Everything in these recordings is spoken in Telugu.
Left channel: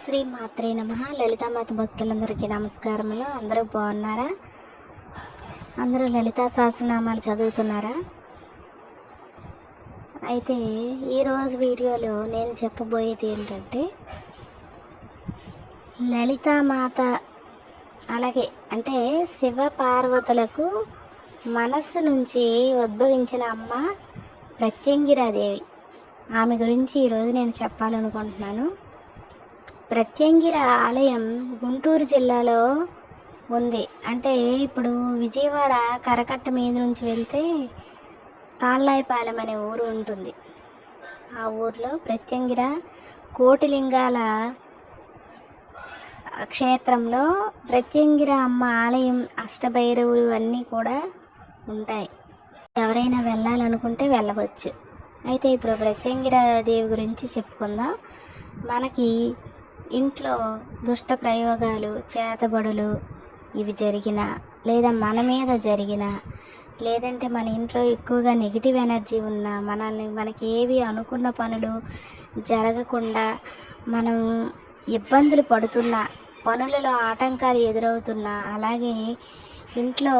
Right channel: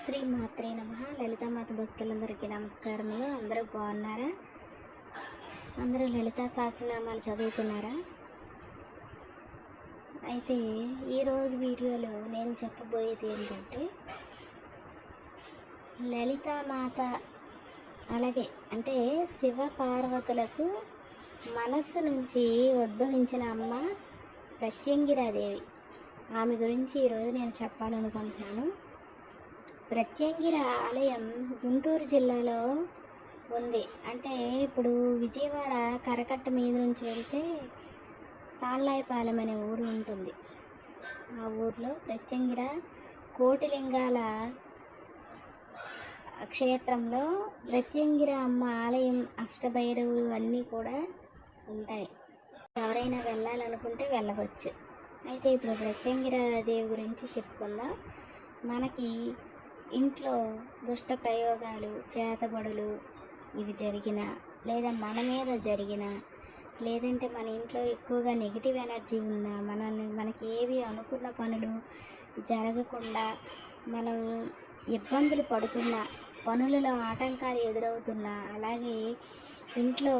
శ్రీ మాత్రే నమ. లలితామాత భక్తులందరికీ నమస్కారములు. అందరూ బాగున్నారా? అందరూ లలితా సహస్రనామాలు చదువుతున్నారా? అయితే ఈరోజు వీడియోలో నేను చెప్పబోయేది ఏంటంటే లలితామాత అలాగే అంటే శివ పార్వతులకు మనస్సు నుంచి ఉద్భవించిన అమ్మ ప్రత్యంగిరాదేవి. ఆమె గురించి ఈరోజు నేను చెప్పాలనుకుంటున్నాను. ప్రత్యంగిర ఆలయం గుంటూరు జిల్లాలో ఉంది. అంటే ఇప్పుడు విజయవాడ కరకట్ట మీద నుంచి వెళ్తే తాళ్ళాయిపాలెం అనే ఊరు ఉంటుంది. ఆ ఊర్లో ప్రత్యంగిర కోటిలింగాల క్షేత్రంలో ప్రత్యంగిర అమ్మ ఆలయం అష్టభైరవులు అన్నీ కూడా ఉంటాయి. ఎవరైనా వెళ్ళాలనుకుంటే వెళ్ళవచ్చు. అయితే ఇప్పుడు ప్రత్యంగిర దేవి గురించి చెప్పుకుందాం. మనకి ఇంట్లో దుష్ట ప్రయోగాలు చేతబడులు ఇవి జరిగిన లేదా మన మీద జరిగిన లేదంటే మన ఇంట్లో ఎక్కువగా నెగిటివ్ ఎనర్జీ ఉన్న మనల్ని మనకి ఏవి అనుకున్న పనులు జరగకుండా మనం ఇబ్బందులు పడుతున్న పనులలో ఆటంకాలు ఎదురవుతున్నా అలాగే ఇంట్లో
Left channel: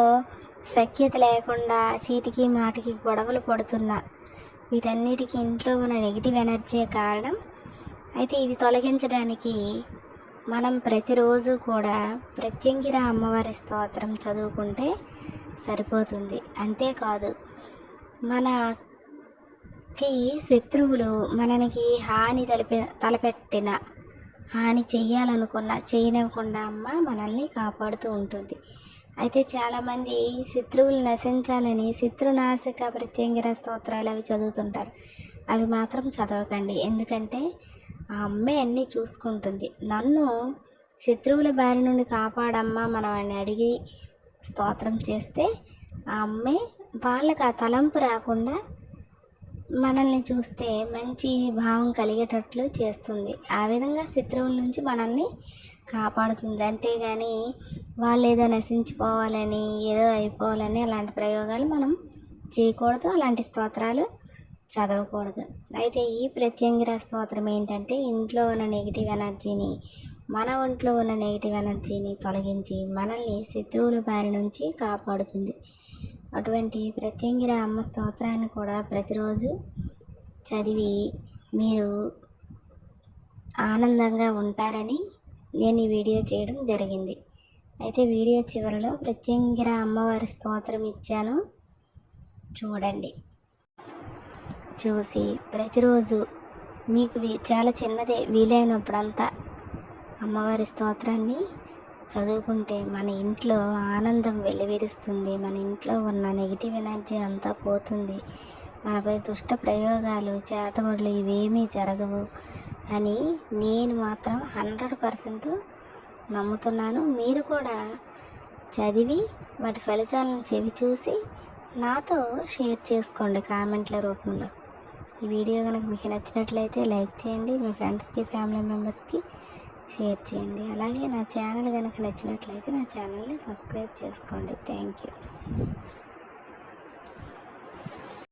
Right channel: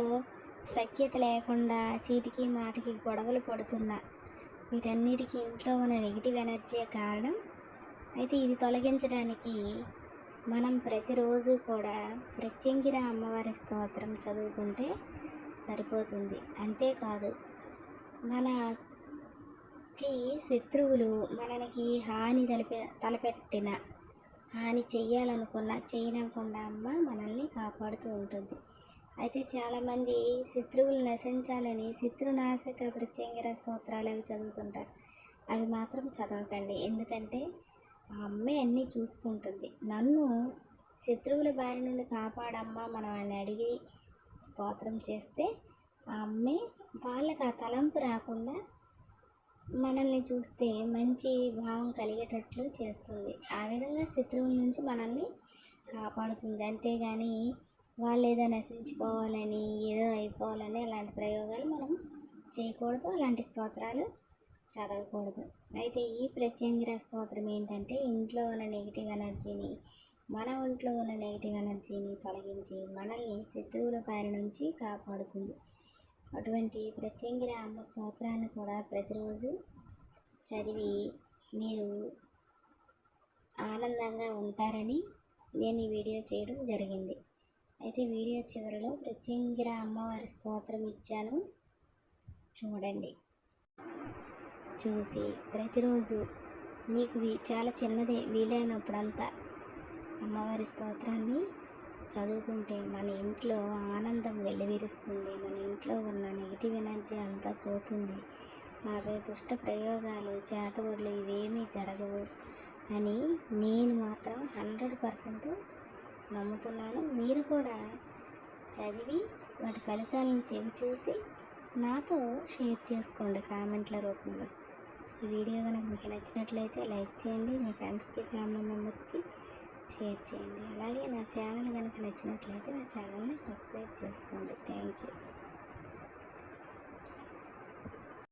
సఖ్యత లేకుండా చీటికి మాటికి గొడవలు పడుతున్నా వీటన్నిటికీ ఇంట్లో ఉన్న నెగిటివ్ ఎనర్జీ కారణం? అయితే ఇది తొలగించడానికి మనం ప్రతిరోజు కూడా ప్రత్యంగిర అమ్మవారి స్తోత్రం చదువుకుంటే సరిపోతుంది. అంతేకాదు మనకి శత్రువులు మనకి హాని తలపె తలపెట్టిన హాని చేయాలనుకున్న చేయనివ్వకుండా అమ్మ మనల్ని కాపాడుతూ ఉంటుంది. అయితే చాలామంది శత్రువులు నశించాలని శత్రునాశక ప్రత్యంగిర స్తోత్రాలు అవి చదువుతుంటారు. అవి మాత్రం చదవకండి. ఎందుకంటే ఆ అమ్మే అన్నీ చూసుకుంటుంది. నన్ను శత్రువుల బారి నుండి కాపాడమ్మా మనం అని అడిగి స్తోత్రం చేస్తే ఆ అమ్మే వాళ్ళకి ఆ తలంపు రాకుండా మనల్ని చూస్తే మంచి భావం కలిగేటట్లు చేస్తుంది. ఆ విధంగా శత్రువుల నుంచి మనల్ని కాపాడుతుంది. అంతేగాని వాళ్ళు ఏదో నశించిపోవాలని ఏదో అయిపోవాలని అలాంటి ప్రయోగాలు మనం చేయకూడదు. అలాంటి స్తోత్రాలు చదవకూడదు. అయితే ఈ ప్రత్యంగిర స్తోత్రం ఏంటంటే ఇంట్లో ఉన్న నెగిటివ్ ఎనర్జీని మన ఒంట్లో ఉన్న నెగిటివ్ ఎనర్జీని తొలగించి మనల్ని శత్రువుల బారి నుంచి కాపాడుతుంది. అటువంటి ప్రత్యంగిర అమ్మ స్తోత్రాన్ని కూడా ప్రతిరోజు చదివి మీరు ఆనందంగా ఉంటారని నేను ఈ వీడియో చేయడం జరిగింది. అయితే వీడియో చివరిలో ప్రత్యంగిర అమ్మవారి స్తోత్రం ఇచ్చాను. చూడండి. చూసి ప్రతిరోజు మీకు చాలా చిన్నదే వీలైనప్పుడంతా అమ్మవారి స్తోత్రాన్ని చదువుకుంటే మన ఇంట్లో ఆనందం వెలువరిస్తుంది. మన ఇంట్లో ఉన్న నెగిటివ్ ఎనర్జీ అంతా పోతుంది. మనపై దుష్ట ప్రయోగాలు చేతబడులు ఇవేమీ జరగవు అని నేను మాత్రం హండ్రెడ్ పర్సెంట్ నమ్ముతున్నాను. మీరు కూడా చదివి వాటి ఫలితాలను చెవి చూసి నాతో షేర్ చేసుకోండి కామెంట్ల రూపంలో. ఈ వీడియో కనుక మీకు నచ్చినట్లయితే లైక్ చేయండి మీ ఫ్రెండ్స్కి ఫ్యామిలీ మెంబర్స్కి షేర్ చేయండి. అలాగే నా ఛానల్ కనుక నచ్చినట్లయితే నా ఛానల్ని సబ్స్క్రైబ్ చేసుకోండి. Thank you.